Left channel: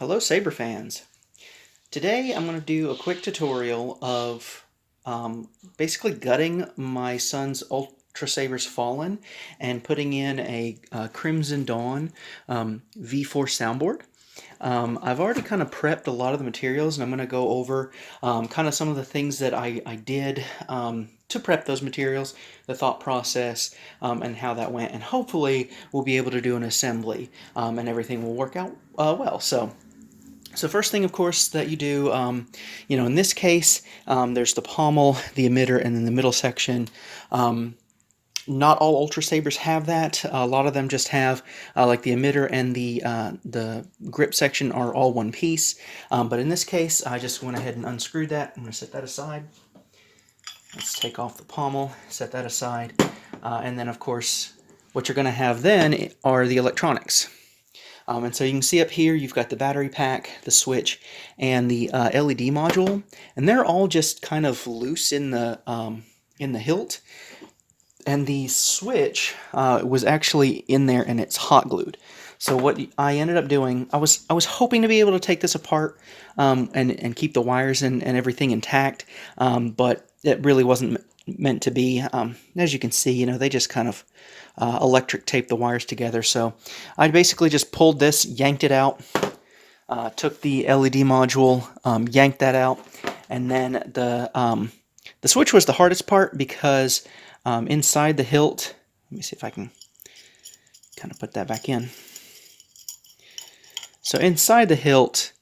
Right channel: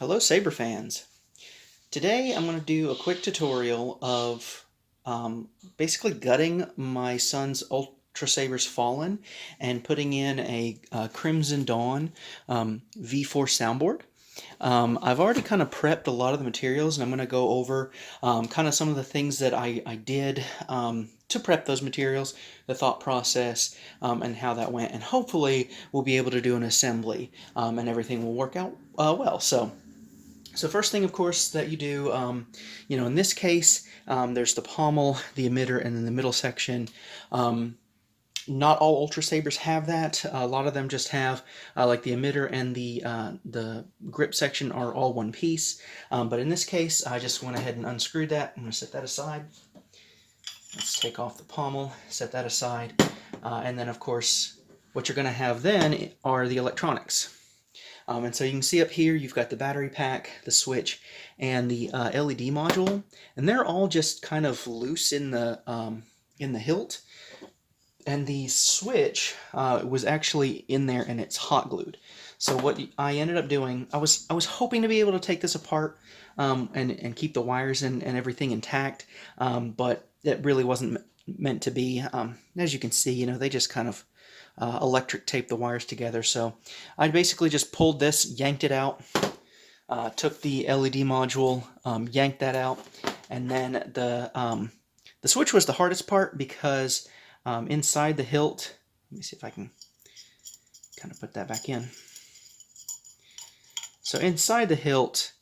Hello Saber fans. Today I'm going to do a quick tutorial of basically gutting my son's Ultrasabers Fallen and putting in a Crimson Dawn V4 soundboard. I've already kind of prepped a lot of the materials, and I'm going to go over kind of some of the things that I did to prep those materials, the thought process, and how that went, and hopefully we'll be able to do an assembly and everything will work out well. So first thing, of course, that you do, in this case, there's the pommel, the emitter, and then the middle section. Not all Ultra Sabers have that. A lot of them just have like the emitter and the grip section are all one piece. But in this case, I just went ahead and unscrewed that. I'm going to set that aside. Let's take off the pommel, set that aside, and then of course, what you're going to have then are the electronics. And so you can see up here, you've got the battery pack, the switch, and the LED module, and they're all just kind of loose in the hilt. And the switch was actually in there, and it's hot glued. So what I ended up doing, I was hoping to be able to take this apart and keep the wires and everything intact, but it really wasn't meant to be. As you can see, they just kind of electric tape the wires together. So I basically just pulled this, yanked it out, took the LED module, yanked that out, and then the switch was the hardest part because inside the hilt, let me see if I can kind of put that back in. So inside the hilt,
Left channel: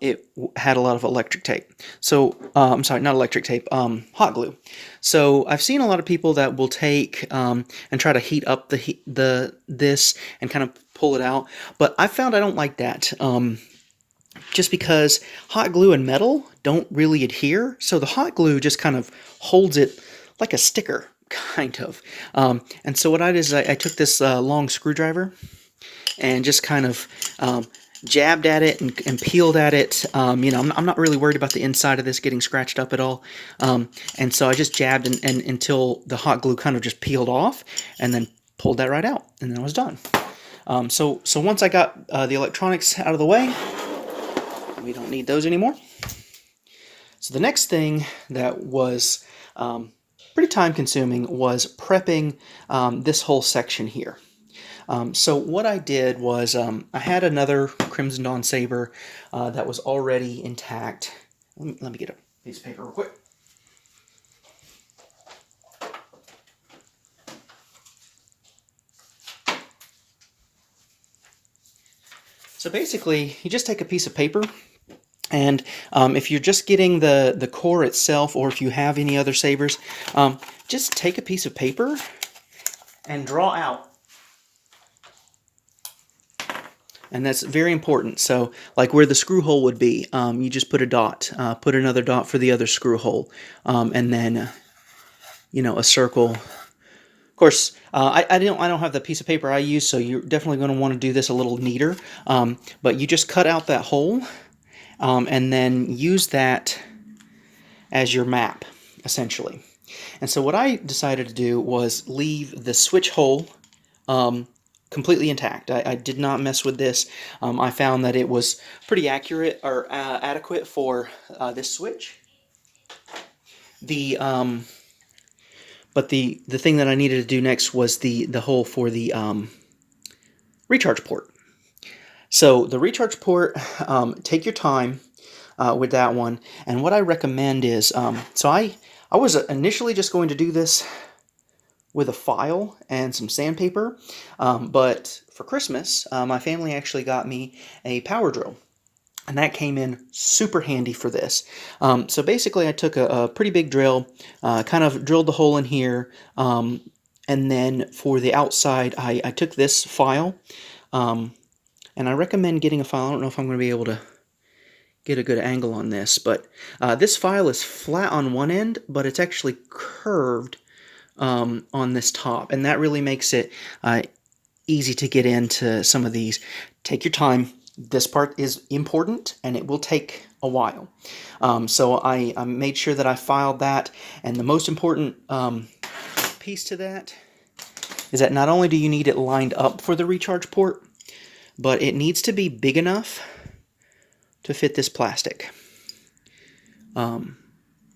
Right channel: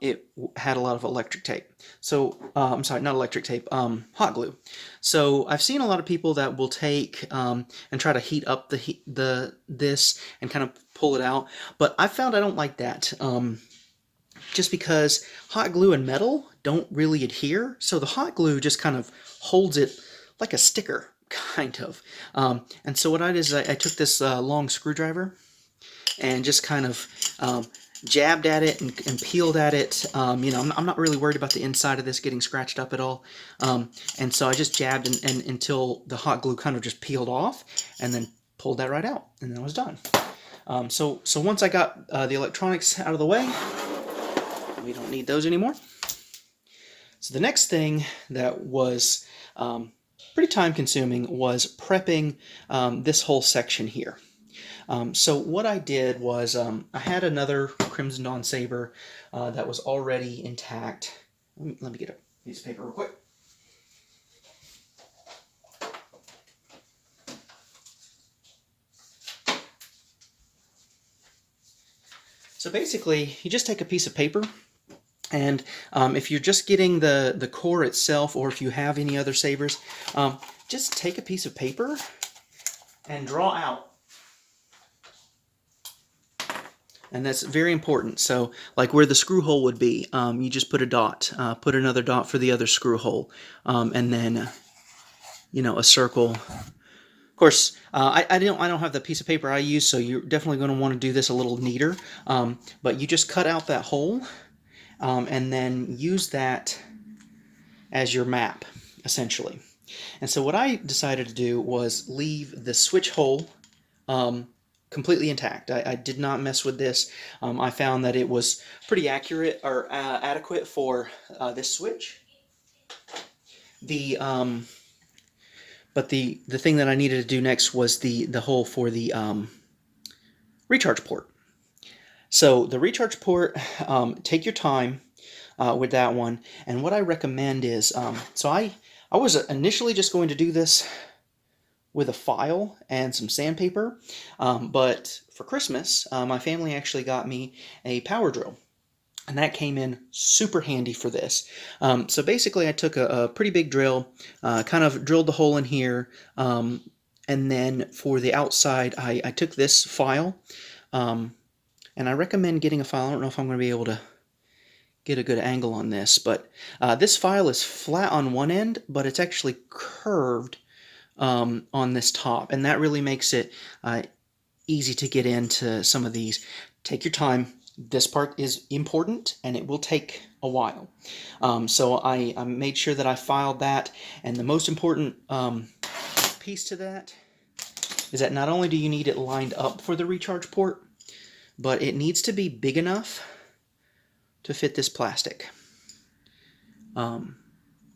it had a lot of electric tape. So, I'm sorry, not electric tape, hot glue. So I've seen a lot of people that will take and try to heat up this and kind of pull it out. But I found I don't like that. Just because hot glue and metal don't really adhere. So the hot glue just kind of holds it like a sticker, kind of. And so what I did is I took this long screwdriver and just kind of jabbed at it and peeled at it. I'm not really worried about the inside of this getting scratched up at all. And so I just jabbed and until the hot glue kind of just peeled off, and then pulled that right out, and then I was done. So once I got the electronics out of the way, we don't need those anymore. So the next thing that was pretty time consuming was prepping this whole section here. So what I did was I had another Crimson Dawn saber that was already intact. Let me get a piece of paper real quick. So basically, you just take a piece of paper, and if you're just getting the core itself, or if you have any other sabers, just take a piece of paper and draw out. And that's very important. So like where the screw hole would be, you just put a dot, put another dot for the other screw hole, and then, a circle. Of course, I don't have the piece of paper I use, so you're definitely going to want to do this a little neater. But you just cut out that hole, and then use that as your map, essentially. And so what I decided to do was leave the switch hole completely intact. I did not mess with this. I found that it was pretty accurate or adequate for this switch. But the thing that I needed to do next was the hole for the recharge port. So the recharge port, take your time with that one. And what I recommend is, so I was initially just going to do this with a file and some sandpaper, but for Christmas, my family actually got me a power drill, and that came in super handy for this. So basically I took a pretty big drill, kind of drilled the hole in here, and then for the outside I took this file, and I recommend getting a file. I don't know if I'm going to be able to get a good angle on this, but this file is flat on one end, but it's actually curved on this top, and that really makes it easy to get into some of these. Take your time. This part is important, and it will take a while. So I made sure that I filed that, and the most important piece to that is that not only do you need it lined up for the recharge port, but it needs to be big enough to fit this plastic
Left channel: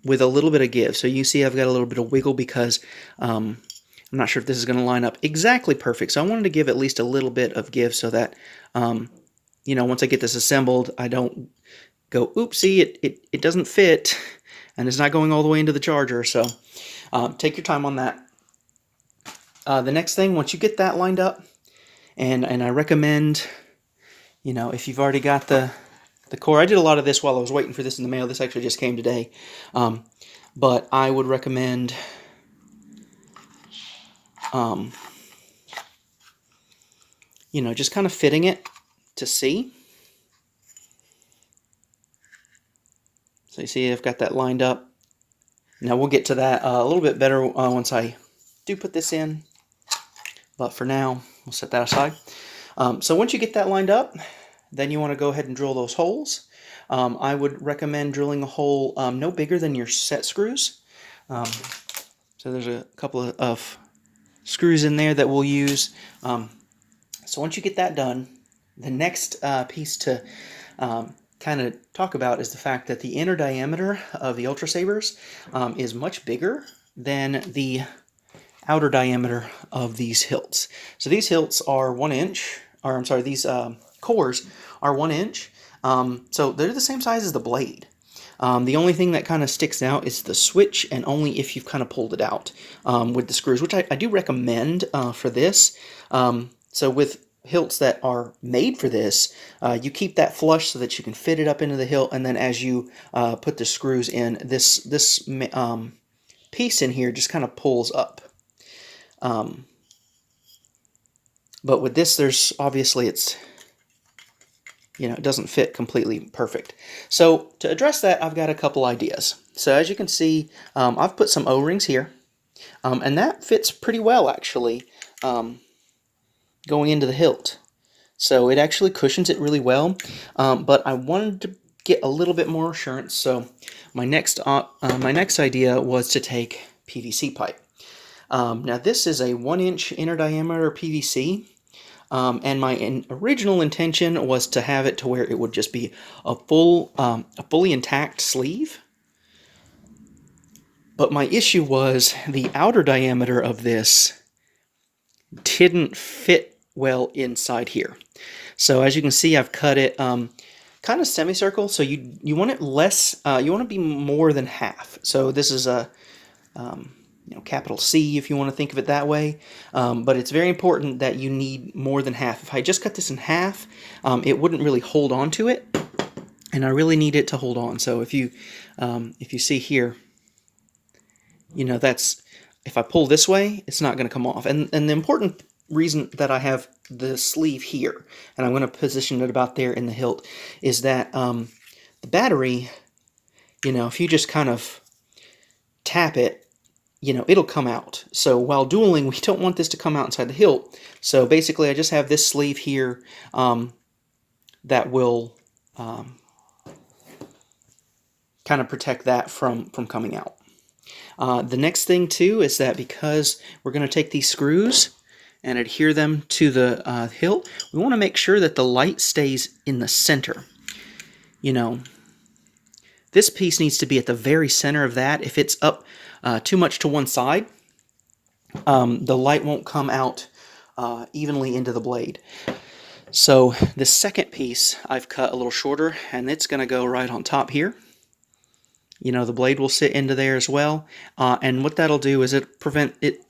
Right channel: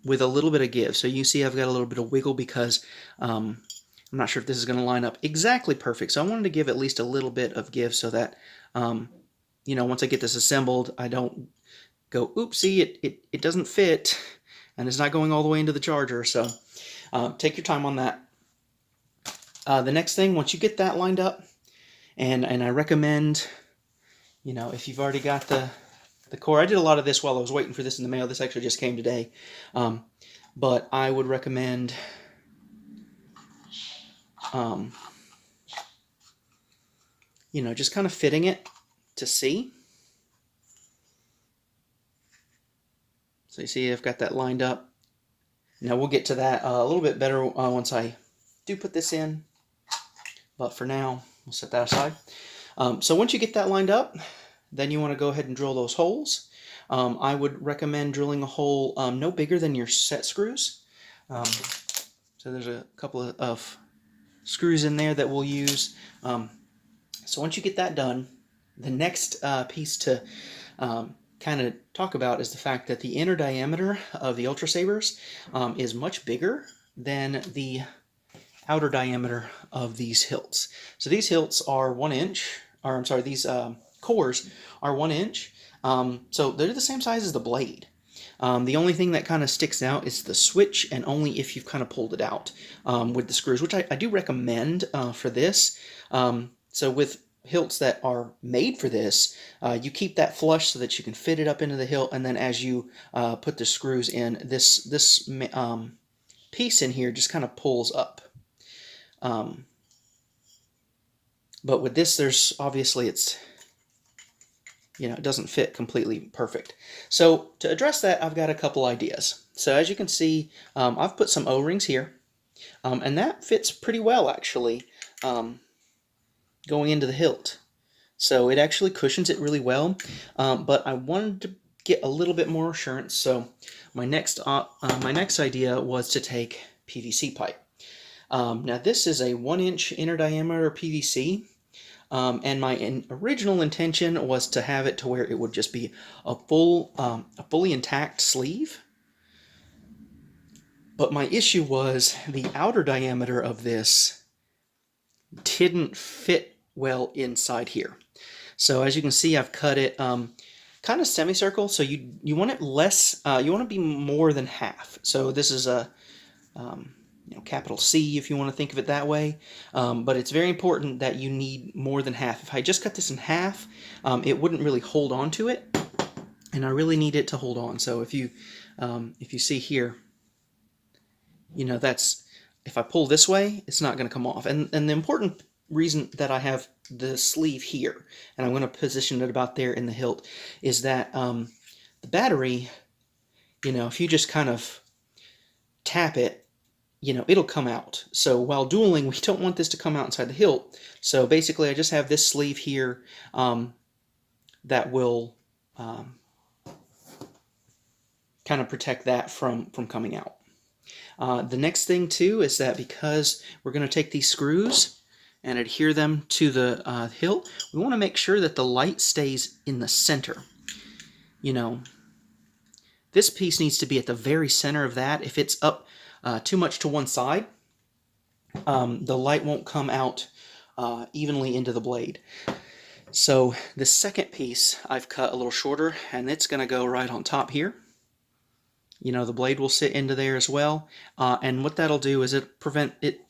with a little bit of give. So you see I've got a little bit of wiggle because I'm not sure if this is going to line up exactly perfect. So I wanted to give at least a little bit of give so that, you know, once I get this assembled, I don't go, oopsie, it doesn't fit, and it's not going all the way into the charger. So take your time on that. The next thing, once you get that lined up, and I recommend, you know, if you've already got the core, I did a lot of this while I was waiting for this in the mail. This actually just came today. But I would recommend you know, just kind of fitting it to see. So you see I've got that lined up. Now we'll get to that a little bit better once I do put this in. But for now, we'll set that aside. So once you get that lined up, then you want to go ahead and drill those holes. I would recommend drilling a hole no bigger than your set screws. So there's a couple of screws in there that we'll use. So once you get that done, the next piece to kind of talk about is the fact that the inner diameter of the Ultrasabers is much bigger than the outer diameter of these hilts. So these hilts are 1 inch, or I'm sorry, these cores are 1 inch. So they're the same size as the blade. The only thing that kind of sticks out is the switch, and only if you've kind of pulled it out with the screws, which I do recommend for this. So with hilts that are made for this, you keep that flush so that you can fit it up into the hilt, and then as you put the screws in, this piece in here just kind of pulls up. But with this, there's obviously it's, you know, it doesn't fit completely perfect. So to address that, I've got a couple ideas. So as you can see, I've put some O-rings here, and that fits pretty well actually going into the hilt. So it actually cushions it really well, but I wanted to get a little bit more assurance. So my next idea was to take PVC pipe. Now this is a 1 inch inner diameter PVC. And my original intention was to have it to where it would just be a fully intact sleeve. But my issue was the outer diameter of this didn't fit well inside here. So as you can see, I've cut it kind of semicircle. So you want it less, you want to be more than half. So this is a you know, capital C if you want to think of it that way, but it's very important that you need more than half. If I just cut this in half, it wouldn't really hold on to it, and I really need it to hold on. So if you see here, you know, that's, if I pull this way, it's not going to come off. And the important reason that I have the sleeve here, and I'm going to position it about there in the hilt, is that the battery, you know, if you just kind of tap it, you know, it'll come out. So while dueling, we don't want this to come out inside the hilt. So basically, I just have this sleeve here that will kind of protect that from coming out. The next thing, too, is that because we're going to take these screws and adhere them to the hilt, we want to make sure that the light stays in the center. You know, this piece needs to be at the very center of that. If it's up too much to one side, the light won't come out evenly into the blade. So the second piece I've cut a little shorter, and it's going to go right on top here. You know, the blade will sit into there as well, and what that'll do is it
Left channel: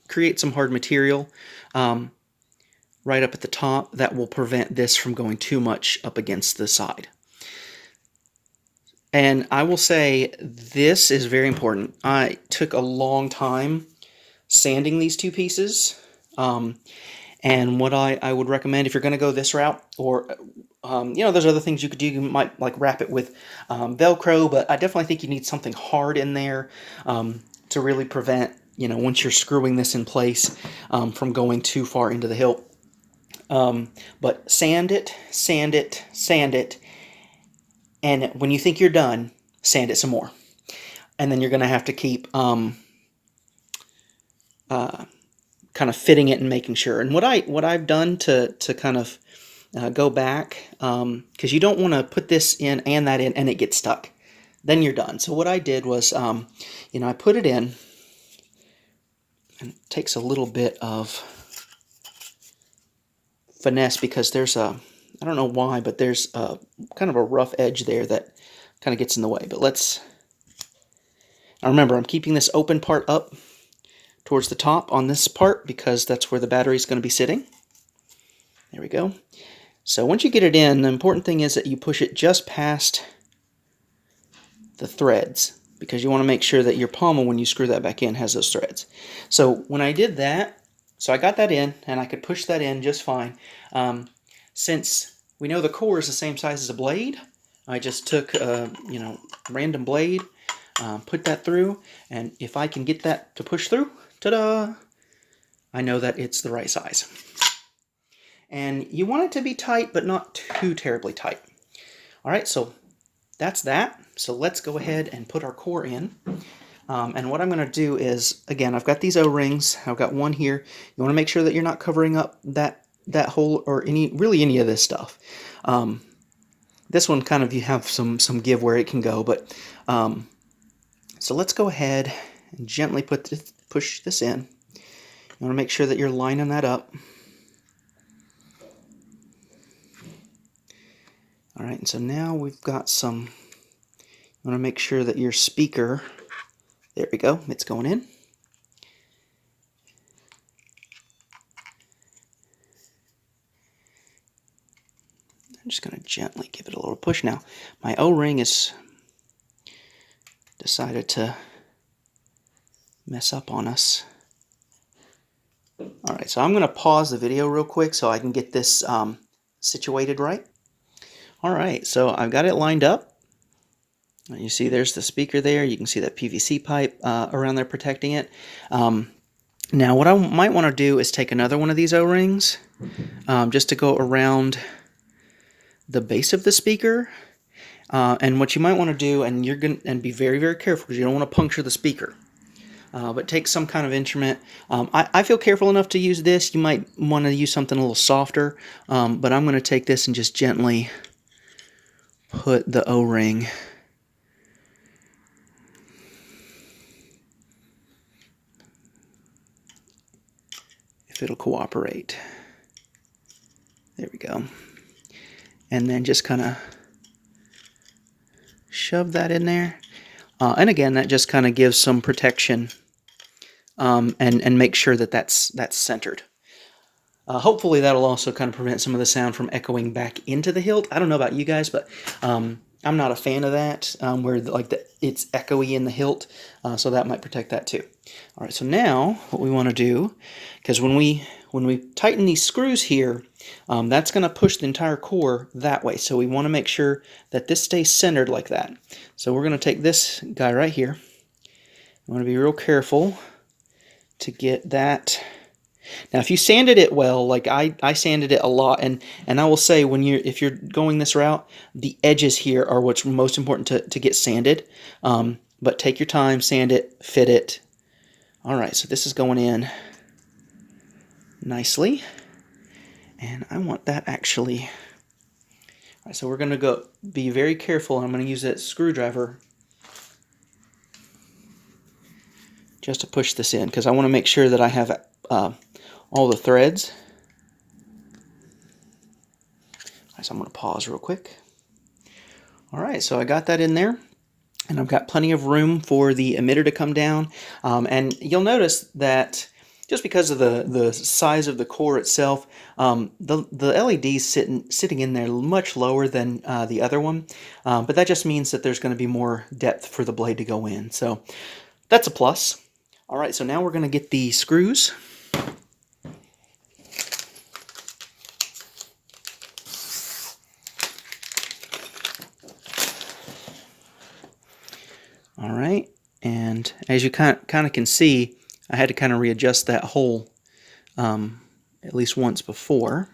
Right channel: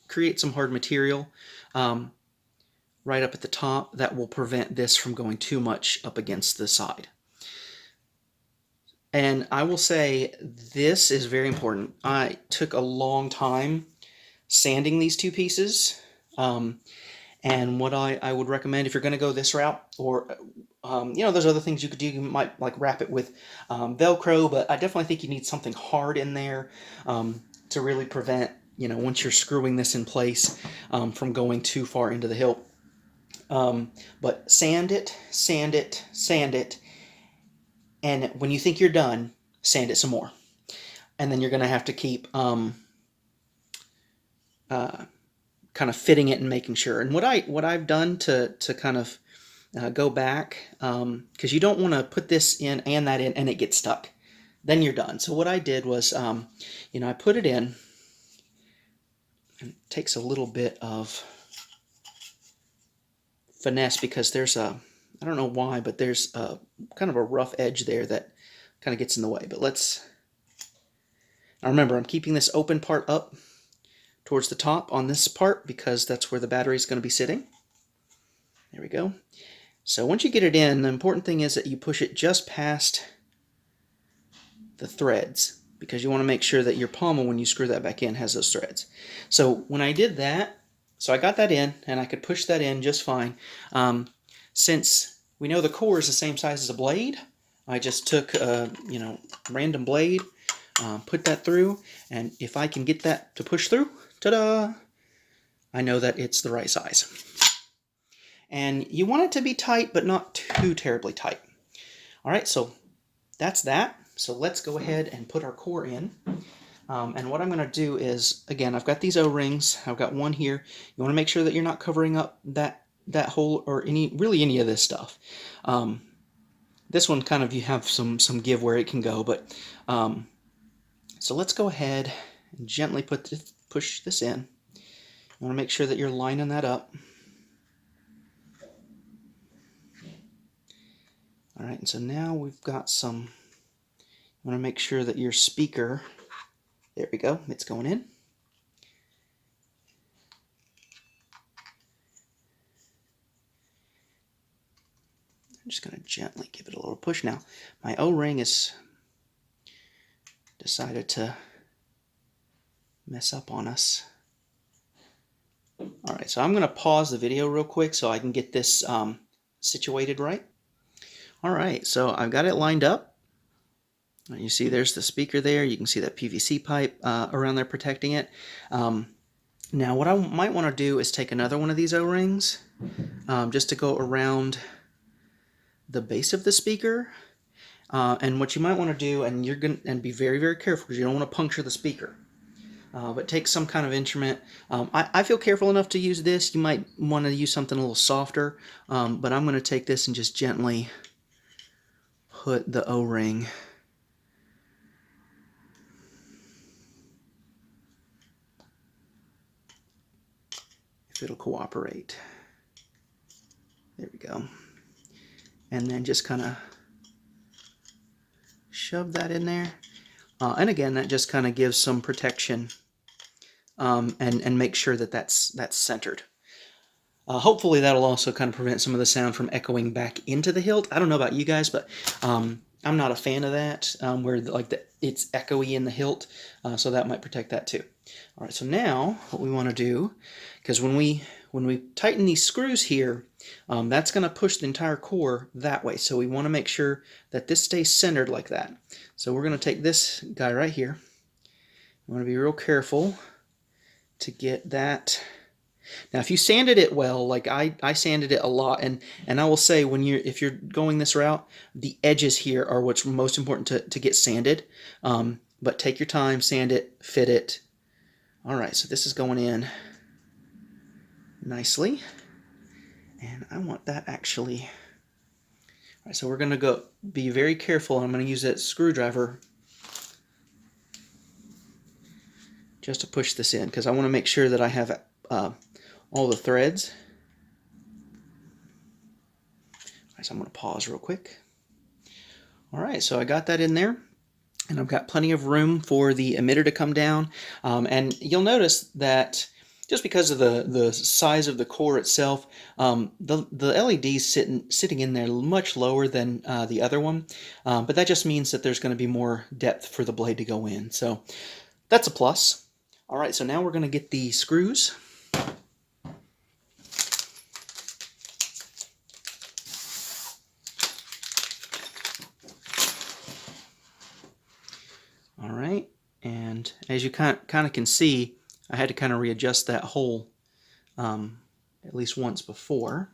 creates some hard material right up at the top that will prevent this from going too much up against the side. And I will say this is very important. I took a long time sanding these two pieces, and what I would recommend if you're going to go this route, or you know, there's other things you could do. You might like wrap it with Velcro, but I definitely think you need something hard in there to really prevent, you know, once you're screwing this in place from going too far into the hilt. But sand it, sand it, sand it, and when you think you're done, sand it some more. And then you're going to have to keep kind of fitting it and making sure. And what I've done to kind of go back, because you don't want to put this in and that in and it gets stuck. Then you're done. So what I did was, I put it in, and it takes a little bit of finesse because there's a, I don't know why, but there's a kind of a rough edge there that kind of gets in the way. But now remember, I'm keeping this open part up towards the top on this part because that's where the battery is going to be sitting. There we go. So once you get it in, the important thing is that you push it just past the threads, because you want to make sure that your pommel, when you screw that back in, has those threads. So when I did that, so I got that in, and I could push that in just fine. Since we know the core is the same size as the blade, I just took a random blade, put that through, and if I can get that to push through, ta-da! I know that it's the right size. And you want it to be tight, but not too terribly tight. All right, so that's that. So let's go ahead and put our core in. And what I'm going to do is, again, I've got these O-rings. I've got one here. You want to make sure that you're not covering up that hole or any of this stuff. This one kind of, you have some give where it can go, but so let's go ahead and gently push this in. You want to make sure that you're lining that up. All right, and so now we've got some, you want to make sure that your speaker, there we go, it's going in. I'm just going to gently give it a little push now. My O-ring has decided to mess up on us. All right, so I'm going to pause the video real quick so I can get this situated right. All right, so I've got it lined up. You see there's the speaker there. You can see that PVC pipe around there protecting it. Now what I might want to do is take another one of these O-rings just to go around the base of the speaker. And what you might want to do, and you're going to be very, very careful because you don't want to puncture the speaker. But take some kind of instrument. I feel careful enough to use this. You might want to use something a little softer, but I'm going to take this and just gently put the O-ring if it'll cooperate. There we go. And then just kind of shove that in there. And again, that just kind of gives some protection and make sure that that's centered. Hopefully that'll also kind of prevent some of the sound from echoing back into the hilt. I don't know about you guys, but I'm not a fan of that, where it's echoey in the hilt, so that might protect that too. All right, so now what we want to do, because when we tighten these screws here, that's going to push the entire core that way. So we want to make sure that this stays centered like that. So we're going to take this guy right here. I want to be real careful to get that. Now, if you sanded it well, like I sanded it a lot, and I will say, if you're going this route, the edges here are what's most important to get sanded. But take your time, sand it, fit it. All right, so this is going in nicely, and I want that actually. All right, so we're going to be very careful. I'm going to use that screwdriver just to push this in, because I want to make sure that I have all the threads. So I'm going to pause real quick. All right, so I got that in there, and I've got plenty of room for the emitter to come down. And you'll notice that just because of the size of the core itself, the LED's sitting in there much lower than the other one. But that just means that there's going to be more depth for the blade to go in. So that's a plus. All right, so now we're going to get the screws. All right, and as you kind of can see, I had to kind of readjust that hole at least once before.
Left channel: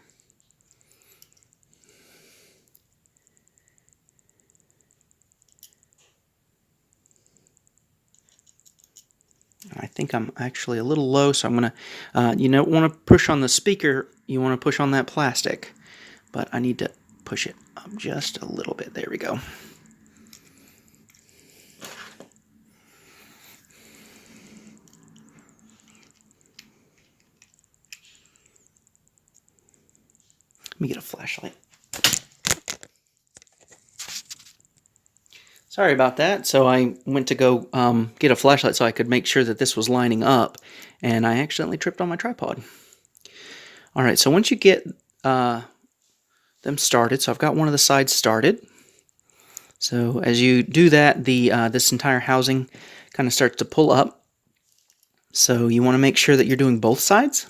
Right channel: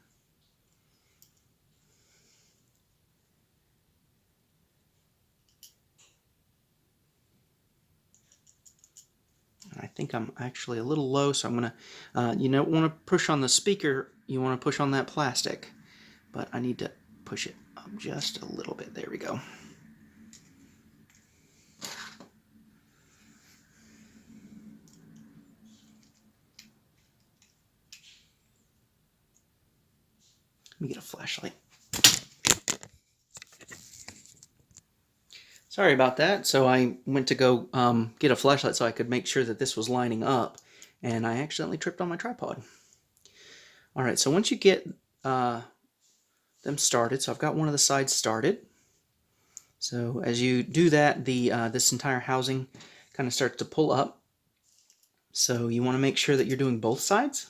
I think I'm actually a little low, so I'm going to, you don't want to push on the speaker, you want to push on that plastic. but I need to push it up just a little bit. There we go. Let me get a flashlight. Sorry about that. So I went to go get a flashlight so I could make sure that this was lining up, and I accidentally tripped on my tripod. All right, so once you get them started, so I've got one of the sides started. So as you do that, the this entire housing kind of starts to pull up. So you want to make sure that you're doing both sides.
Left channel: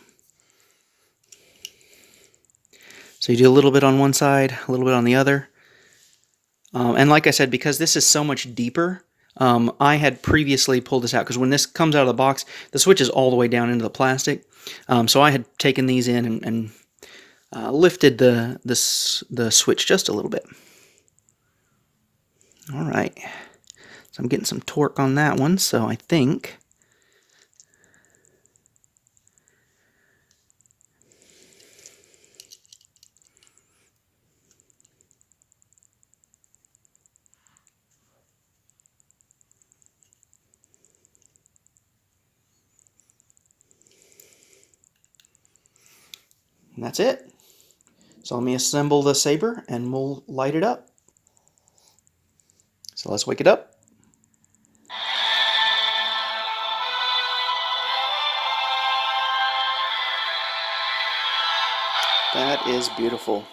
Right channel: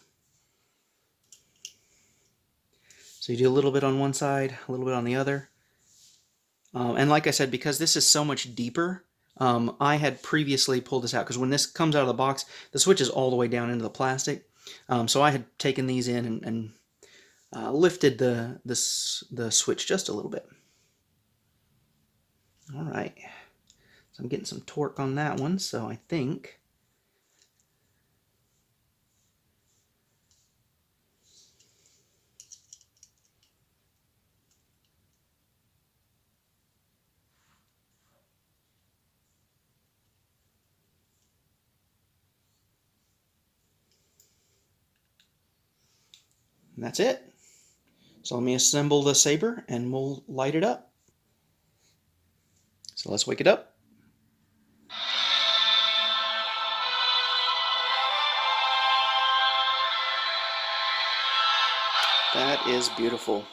So you do a little bit on one side, a little bit on the other. And like I said, because this is so much deeper, I had previously pulled this out, because when this comes out of the box, the switch is all the way down into the plastic. So I had taken these in and lifted the switch just a little bit. All right, so I'm getting some torque on that one, so I think and that's it. So let me assemble the saber and we'll light it up. So let's wake it up. That is beautiful.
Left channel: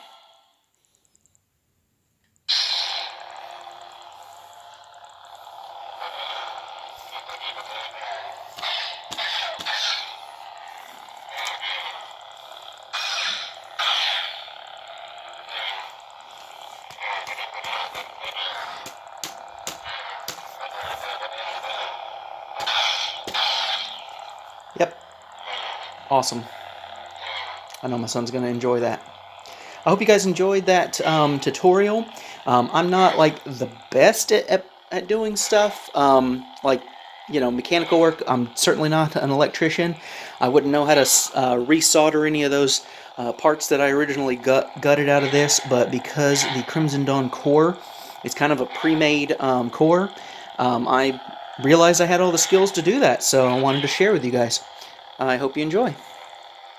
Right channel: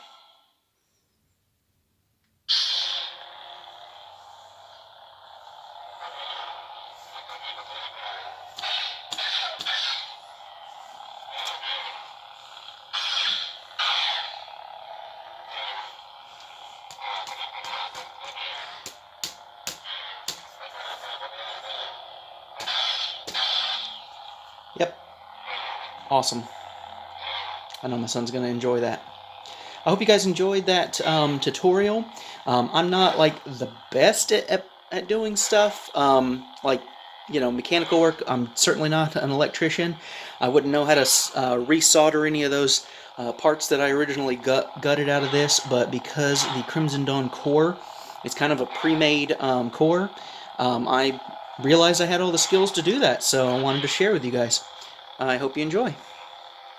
Yep. Awesome. I know my son's going to enjoy that. I hope you guys enjoyed that tutorial. I'm not like the best at doing stuff, like, you know, mechanical work. I'm certainly not an electrician. I wouldn't know how to resolder any of those parts that I originally gutted out of this, but because the Crimson Dawn core is kind of a pre-made core, I realized I had all the skills to do that, so I wanted to share with you guys. I hope you enjoy.